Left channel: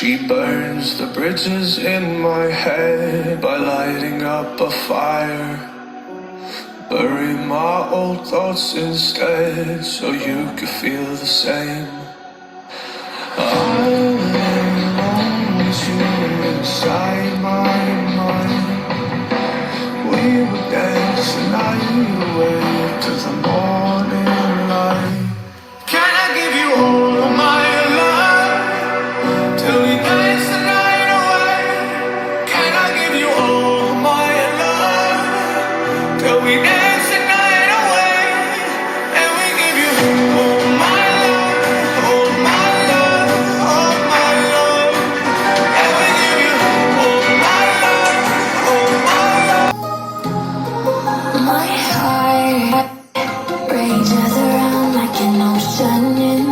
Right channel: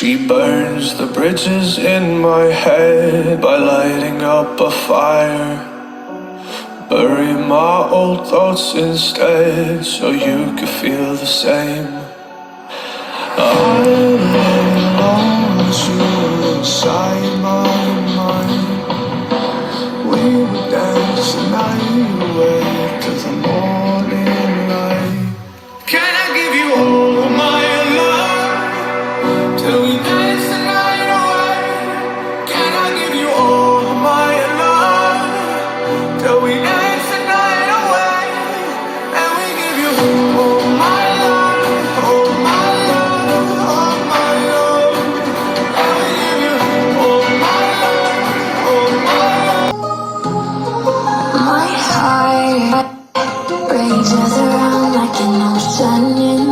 She burns the bridges in my head by lighting up a fire. Bury my old thoughts instead so you could feel the same. I want you inside my mind. We would dance the night away to the morning light. Can I give you all of my love till we dance the night away? Can I give you all of my love till we dance the night away? And we give you all my love, all my love, all my love. And we give you all my love, all my love. My heart rages around like an ocean in